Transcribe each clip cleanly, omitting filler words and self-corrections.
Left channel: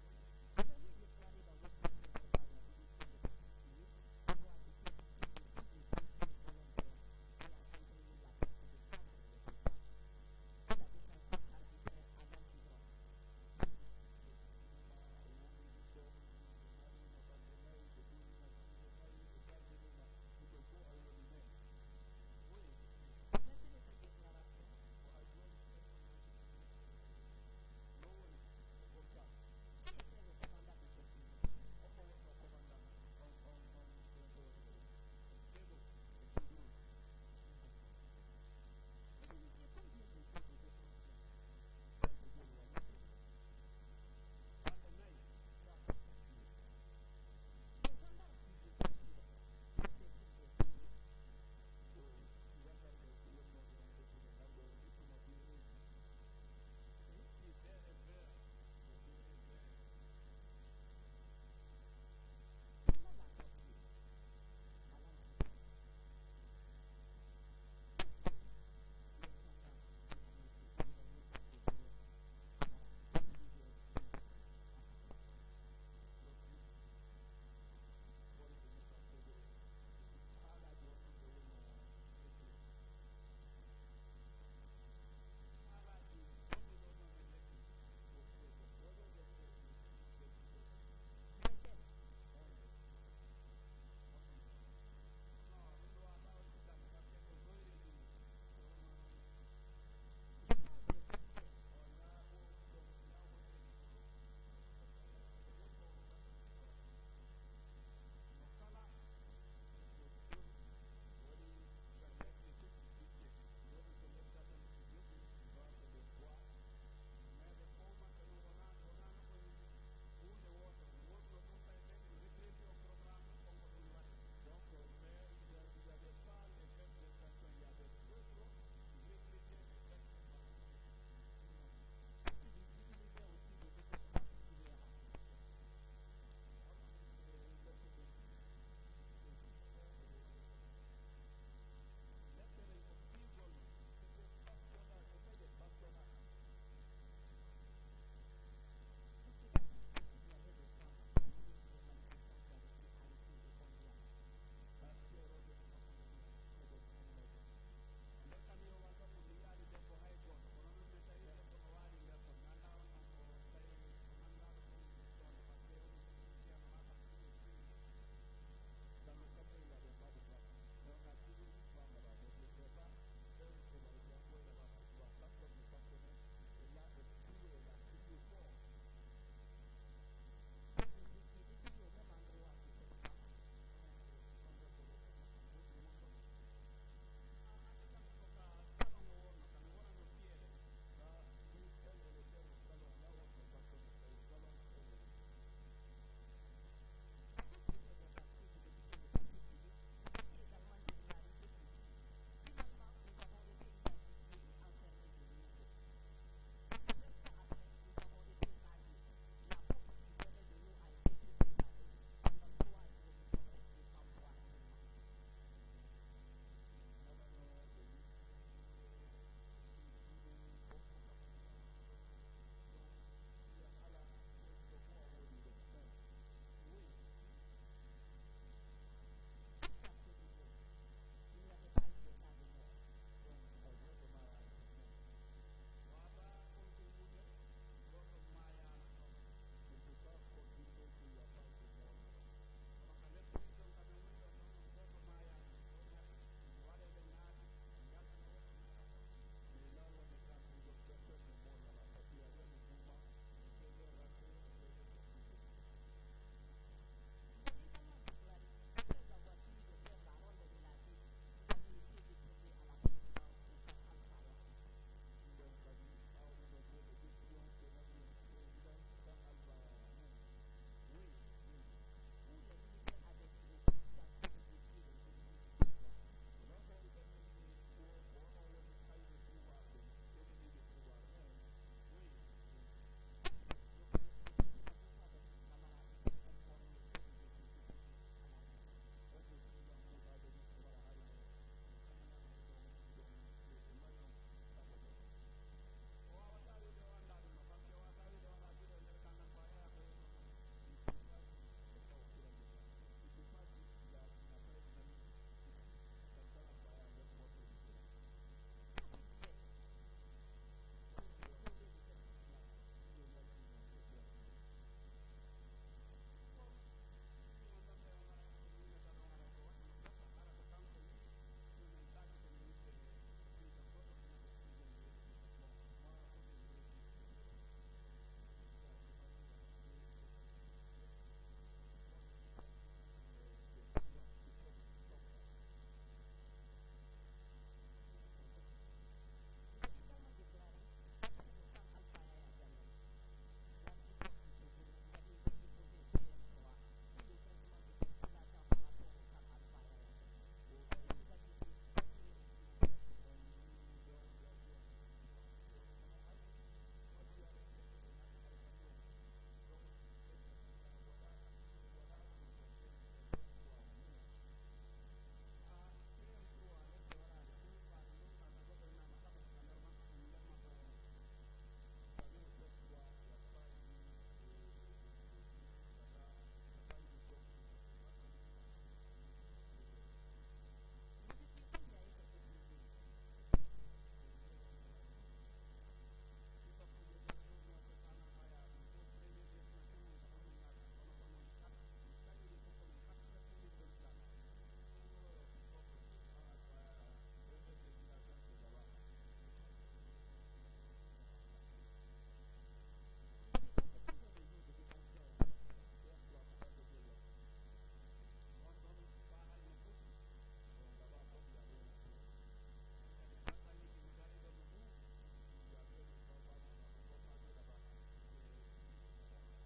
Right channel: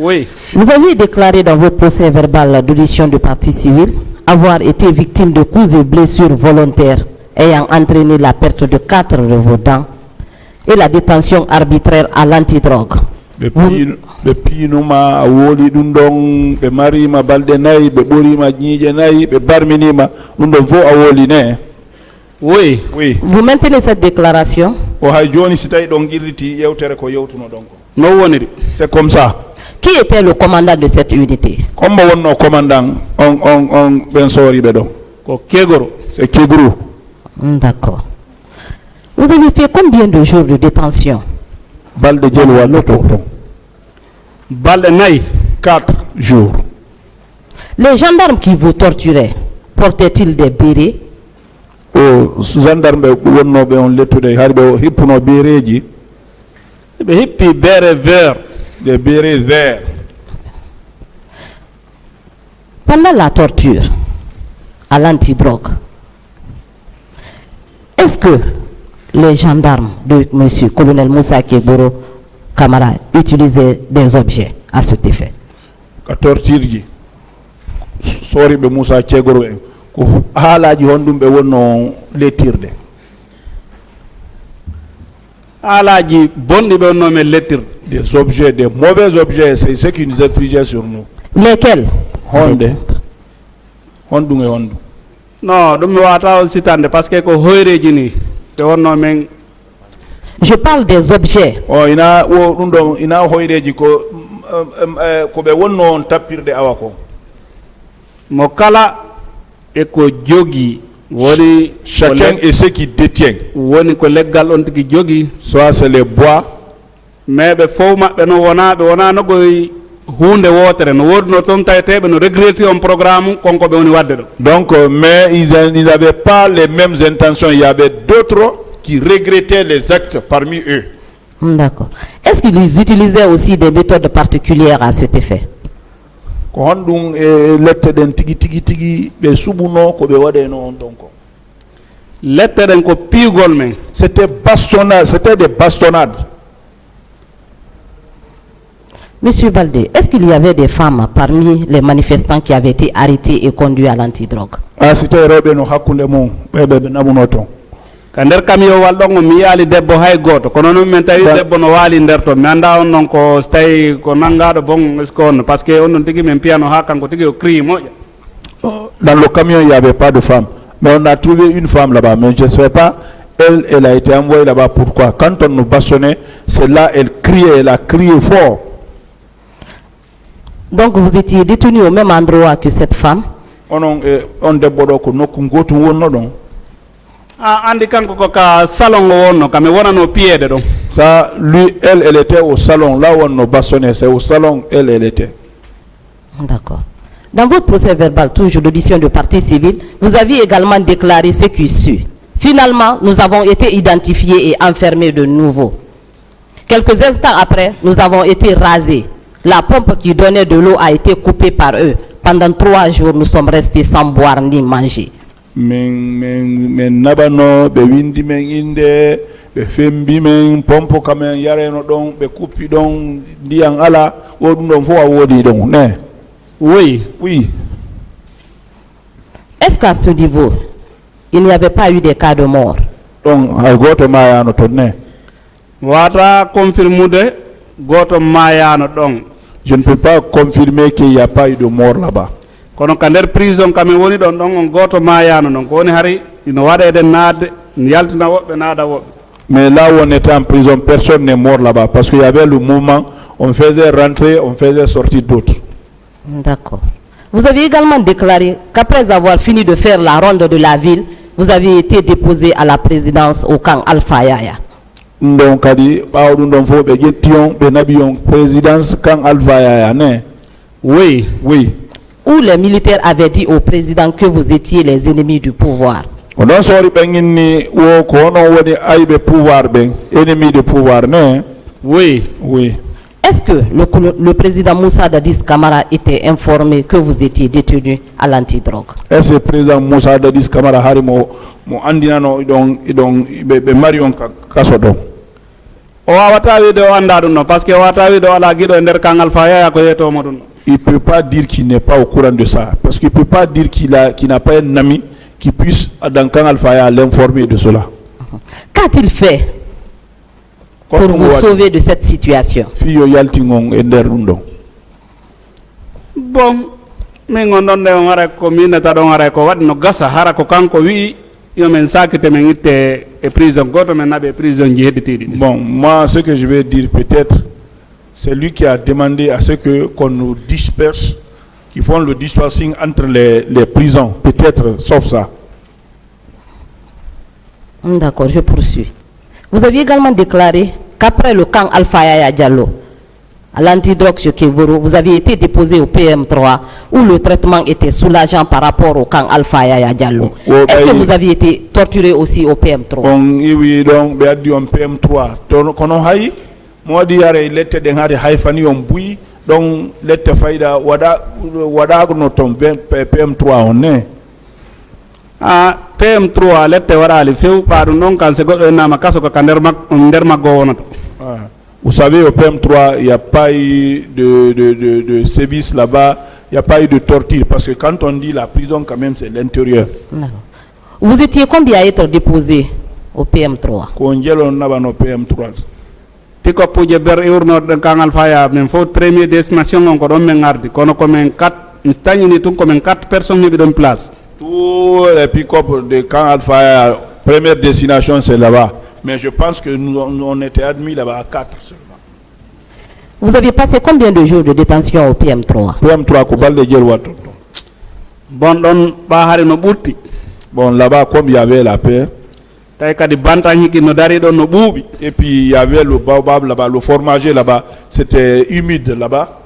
Oui. Vous avez déclaré dans votre procès verbal d'audition de partie civile avoir été victime de coups et blessures volontaires ayant entraîné la perte de 4 de vos dents et la détention arbitraire à l'antidrogue. Be pinuma woli dum don be marima balde nay be borima nyije nay be barminima dum don vo awoli ne. Oui. Oui. Vous maintenez cette déclaration? O hay joni si tay don girriti yewtere ko yewtuno donc. No woniri. C'est comme ça. Qui était le commandant de cette unité? Comme wonno commandant on ben sori be do. Ko Kegoro. C'est Kegoro. D'accord. Vous avez fait combien de jours de détention? Balde jel wa loto. Balde nay 4 jours. Les gendarmes qui vous torturaient portaient-ils des bérets? O gendarme wonno be on lettude harbe o hippuno bereji. Be hippi bere vert. Des bérets verts. Pendant la torture à l'antidrogue, est-ce que les gendarmes de M. Colonel Moussa Kegoro Camara utilisaient des objets à cet effet? Ka tortirji sori be Moussa Kegoro ko haalaji hondum be wonno lettirde. Alaji bondi be wonno men lettir. Des objets, des mauvais objets, c'est ce qui nous inflige sur nous. Lesquels? Honde. Hondunge hondu. Non, dum mi wata sitande parce que ko hoyreji ni be wonno men. Je parle des objets. Oh ina wo dum do ina hoyreji ko ko be wonno on tappirde awako. Mo kala e ko jogi woni Chacun et ce qui détient. woni ko leggal on tigi jogi, Soit c'est les bois. mais be fow mabbe no wona no goy hunde wotere no wodno ton taytebe no regretter un programme konko be woni wadde do. Donc, mais ils n'avaient pas les mêmes intentions. Il y avait d'autres qui regrettaient les actes parmi eux. D'accord. Est-ce qu'ils utilisaient aussi des méthodes particulières à cet effet? Ko hondum e lette den tigi be subuno ko be wade non donc. Lette den ko pigol men. C'était bastonnade, c'était des bastonnades. Monsieur Baldé, est-ce qu'il y avait des femmes parmi les manifestants qui avaient été arrêtés et conduits à l'antidrogue? Ah, c'était rewbe no hakkunde mum be namuno ton. Ka nder kamiyo wal ɗon mi yaali debbo hay goto kono noon min tawi debbo no waali nder ton mi anda on noon ko so tawi ko nangaɗo bon est ce que on par ce que on ɗon tigui min piyano ha kanko tigui o crie moƴƴa. Dans le camion il n'y avait pas de femme, mais on a trouvé une femme là-bas, mais je ne sais pas, elle a été envoyée là-bas pourquoi. Quand on nous bastonnait, c'est là elle criait, elle a crié fort. Donc vous étiez détenu au même endroit que cette femme? On debbo ko nokku gotu wonno don. Ah, andi kanko ko ka salon o wonno kam mi wonano piede ɗon. Ça, lui, elle était au salon, là où on nous bastonnait, c'est au salon, elle était. D'accord. Dans votre procès verbal, toujours d'audition de partie civile, vous aviez également déclaré ce qui suit. Finalement, nous avons été identifiés et enfermés de nouveau. Quelques instants après, nous avons été rasés. La pompe qui donnait de l'eau a été coupée par eux. Pendant 3 jours, nous sommes restés sans boire ni manger. Men nabano be windi men inde be fembi men pompo kamen yareno don be kuppi don ndiyan ala wodum don fo wodi don ne. Oui. Est-ce qu'à ce niveau, il n'y avait pas eu des cas de mort? Donc hay goto mayano to ne. Wata confirmude goto mayano ɗon. Je ne peux pas confirmer qu'il n'y a pas eu de mort là-bas. Kono ka nder prison kami woni ɗon ɗon on goto mayano non ko woni hari ino waɗede naatde yaltina woɓɓe naada woɓɓe. Mais là où on était en prison, personne n'est mort là-bas parce qu'il y avait le mouvement, on faisait rentrer, on faisait sortir d'autres. D'accord. Vous avez également déclaré qu'après avoir fini de faire la ronde de la ville, vous avez été déposé à la présidence au camp Alpha Yaya. Donc kadi bawdum don fo be jettion be nabiyon présidence camp Alpha Yaya ne. Oui. Où les militaires avaient dit au président que vous étiez les ennemis du pouvoir. On a sorti ni wo ko no woni aybe pouvoir ben ennemi de pouvoir ne. Oui. Est-ce que le président Moussa Dadis Camara était informé que vous étiez détenu à l'antidrogue? Est-ce que le président Moussa Dadis Camara harimo mo andinano idon be marion kaso do? o wawata wiide o anda ɗum no par ce que o wawata wiide o ala guiɗo e nder kangal fa yaya ko yeytomo ɗum no. Il ne peut pas dire qu'il n'est pas au courant de ça. Parce qu'il ne peut pas dire qu'il n'a pas un ami qui puisse, dans Kangal Faya, l'informer de cela. Qu'a-t-il fait pour vous sauver de cette situation? Bon, min on ɗon nde on ara ko minata ɗon ara ko waɗi no gasa hara ko kanko wi yomen sakite men itte e prison goto men naɓe prison ji heɗitiɗi. Bon, moi ce que je vais dire peut-être, c'est lui qui a demandé à ce qu'on nous disperse, qui font le dispersing entre les prisons, peut-être, sauf ça. D'accord, je poursuis. Vous aviez également déclaré qu'après le camp Alpha Yaya Diallo, à l'antidrogue chez Kévoro, vous aviez été déposé au PM3 où le traitement était soulageant par rapport au camp Alpha Yaya Diallo. Est-ce que vous aviez été torturé aussi au PM3? Oui, donc, on PM3. Moi, il était dans les haïfani on bouille, donc l'être faïda wada notom PM3 on est. Ah, PM3 l'être wada le fait par non quand c'est quoi na makaso ka nderma gowonato. Vous savez, au PM3, il n'y a pas eu de service là-bas, il n'y a pas eu de torture, parce que quand on dit la prison, quand même, c'est l'intérieur. Vous étiez combien à être déposé au PM3? Quand on a au PM3. Piko puje ber urno de kangal faya men fo premier destination on ko don men ngardi kono ko men 4 instagne ni tun ko men 4 personnes ni don place. Tous les pick-up de Kangal Faya, première destination c'est là-bas. Mais je pense que nous on était admis là-bas à 4 seulement. Vous aviez passé combien de jours de détention au PM3? PM3 ko balde jelwato. Bon don ba hari no burti. Bon là-bas comme il y avait la paix. Et puis il y avait le baobab là-bas, le fromager là-bas, c'était humide là-bas.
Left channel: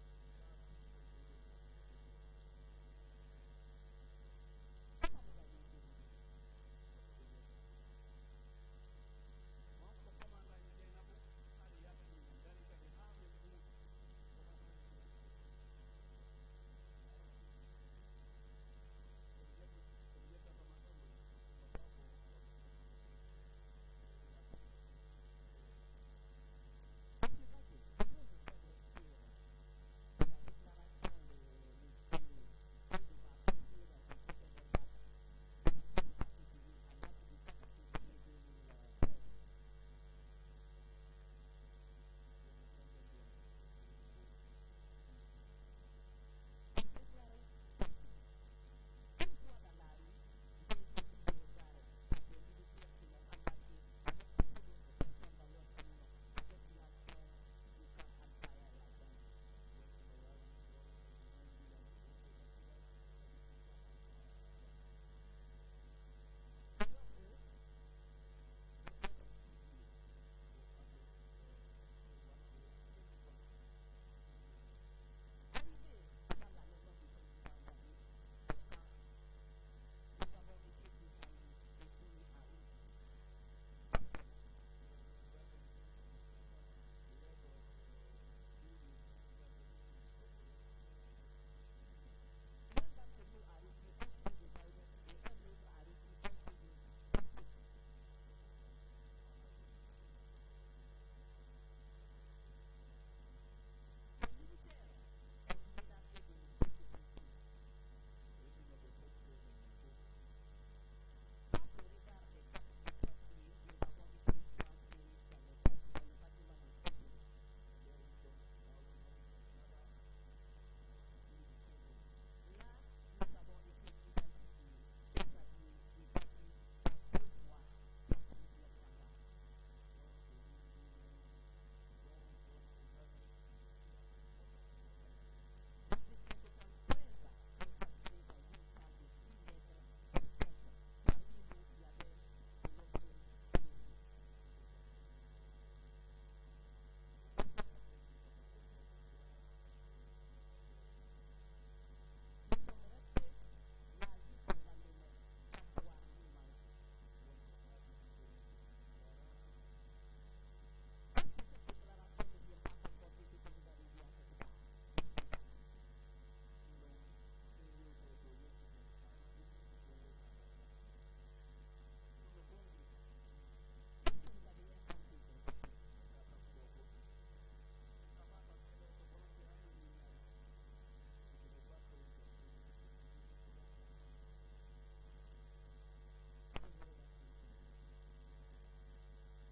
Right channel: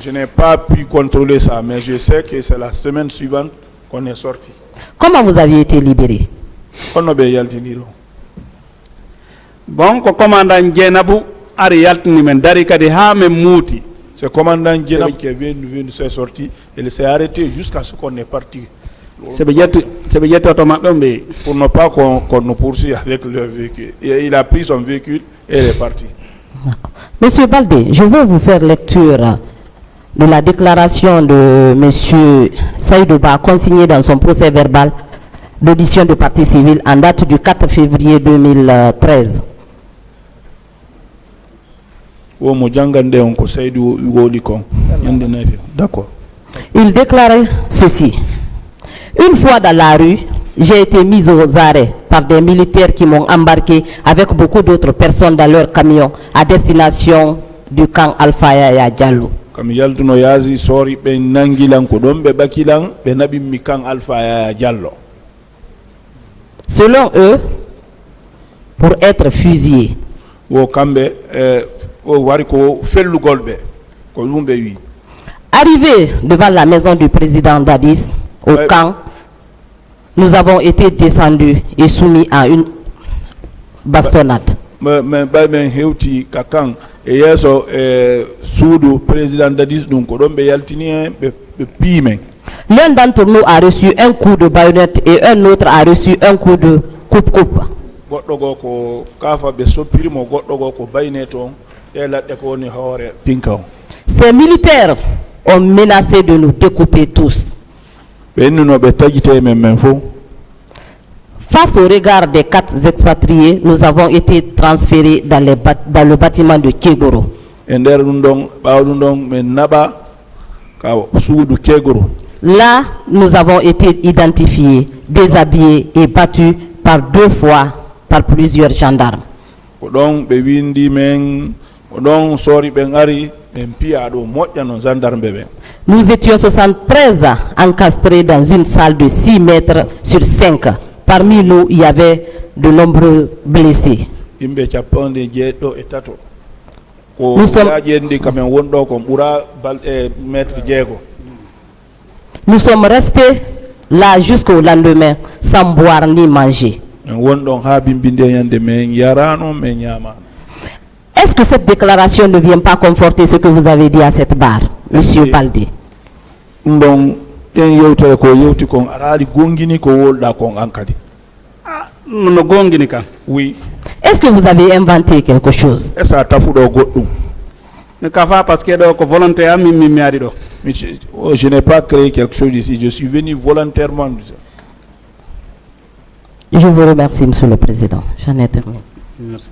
Je n'ai pas pu contrôler ça, mais je sais que c'est la semaine suivante qu'on est sorti. Comment vous aviez été libéré? Bon, commandant Djenabou, Arialtini men dari kadi ha men mouti. Ce commandant Djenab qui est venu se sortir, il s'est arrêté jusqu'à ce qu'on est parti. Pour ne pas qu'on nous poursuive avec le véhicule. Il a pris son véhicule et il est parti. Monsieur Baldé, je veux vous faire lecture de la déclaration de Monsieur Saïdouba consignée dans son procès verbal d'audition de partie civile en date du 4 février 2013. D'accord. Il déclarait ceci. Une fois dans la rue, j'ai été mis aux arrêts par des militaires qui m'ont embarqué avec beaucoup d'autres personnes dans leur camion à destination du camp Alpha Yaya Diallo. Selon eux, pour être fusillés. Arrivé devant la maison du président Dadis, au camp, nous avons été descendus et soumis à une bastonnade. L'un d'entre nous a reçu un coup de baïonnette et un autre a reçu un coup de coupe-coupe. Ces militaires ont menacé de nous découper tous. Face au regard des 4 expatriés, nous avons été transférés dans le bâtiment de Kégoro. Là, nous avons été identifiés, déshabillés et battus par 2 fois par plusieurs gendarmes. Nous étions 73 encastrés dans une salle de 6 mètres sur 5. Parmi nous, il y avait de nombreux blessés. Nous sommes restés là jusqu'au lendemain sans boire ni manger. Est-ce que cette déclaration ne vient pas conforter ce que vous avez dit à cette barre, Monsieur Baldé? no gongini kan Oui. Est-ce que vous avez inventé quelque chose? Est-ce que tu as fait mi kafa parce que do ko volonté am mi ari do Je n'ai pas créé quelque chose ici. Je suis venu volontairement. Je vous remercie, Monsieur le Président. J'en ai terminé. merci